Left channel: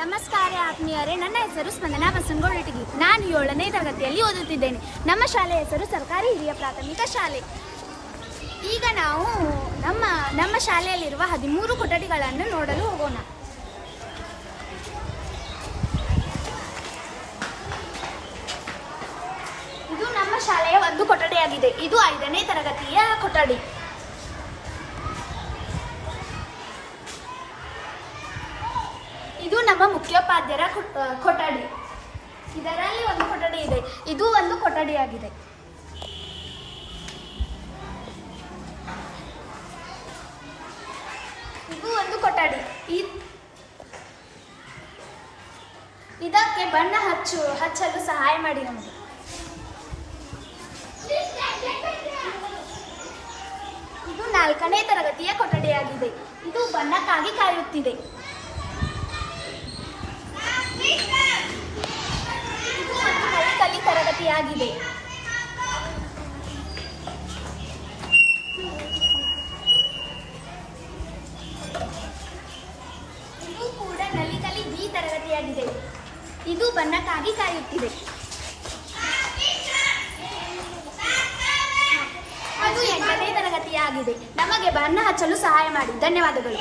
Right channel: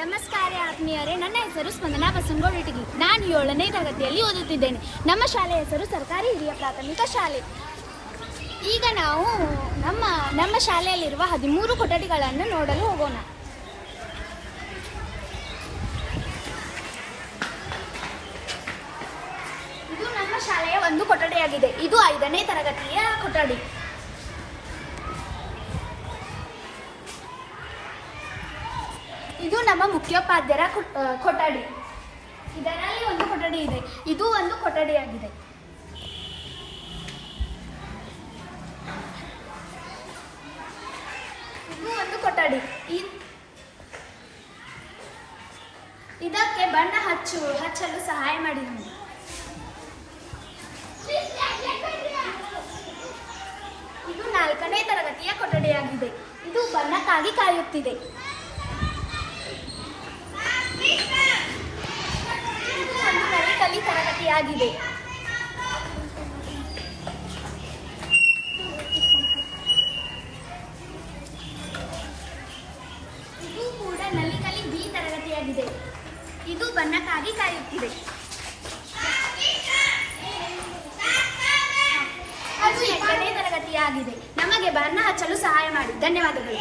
ನಮಸ್ಕಾರ ಆತ್ಮೀಯರೇ, ನನ್ನ ಹೆಸರು ಸ್ಪಂದನಾ ಬಸನಗೌಡ. ನಾನು 7ನೇ ತರಗತಿಯಲ್ಲಿ ಓದುತ್ತಿದ್ದೇನೆ. ನಮ್ಮ ಶಾಲೆಯ ಹೆಸರು ಸರ್ಕಾರಿ ಹಿರಿಯ ಪ್ರಾಥಮಿಕ ಶಾಲೆ. ಈಗ ನಾವು ನಮ್ಮ ಶಾಲೆಯಲ್ಲಿರುವ 13 ಕೊಠಡಿಗಳನ್ನು ನೋಡಲು ಹೋಗೋಣ. ಇದು ನಮ್ಮ ಶಾಲೆಯ ಒಂದು ಕೊಠಡಿಯಾಗಿದೆ. ಇದು 5ನೇ ತರಗತಿಯ ಕೊಠಡಿ. ಇದು ನಮ್ಮ ಮುಖ್ಯೋಪಾಧ್ಯಾಯರ ಕೊಠಡಿ. ಇದರಲ್ಲಿ ಒಂದು ಕೊಠಡಿ ಇದೆ. ಇದು ಒಂದು ಕೊಠಡಿಯಾಗಿದೆ. ಇದು ಒಂದು ಕೊಠಡಿ. ಇದಕ್ಕೆ ಬಣ್ಣ ಹಚ್ಚಲು ಸಹಾಯ ಮಾಡಿ ನಮಗೆ. ಇದು 4ನೇ ತರಗತಿಯ ಕೊಠಡಿಯಾಗಿದೆ. ಇದು ಬಣ್ಣಕ್ಕಾಗಿ ಕಾಯುತ್ತಿದೆ. ಇದು ಒಂದು ನಲಿಕಲಿ ತರಗತಿಯಾಗಿದೆ. ಇದು ಕೂಡ ನಲಿಕಲಿ ಬಿ ತರಗತಿಯಾಗಿದೆ. ಇದು ಬಣ್ಣಕ್ಕಾಗಿ ಕಾಯುತ್ತಿದೆ. ಅದು 8ನೇ ತರಗತಿಯಾಗಿದೆ. ನಮಗೆ ಬಣ್ಣ ಹಚ್ಚಲು ಸಹಾಯ ಮಾಡಿ. ಧನ್ಯವಾದಗಳು.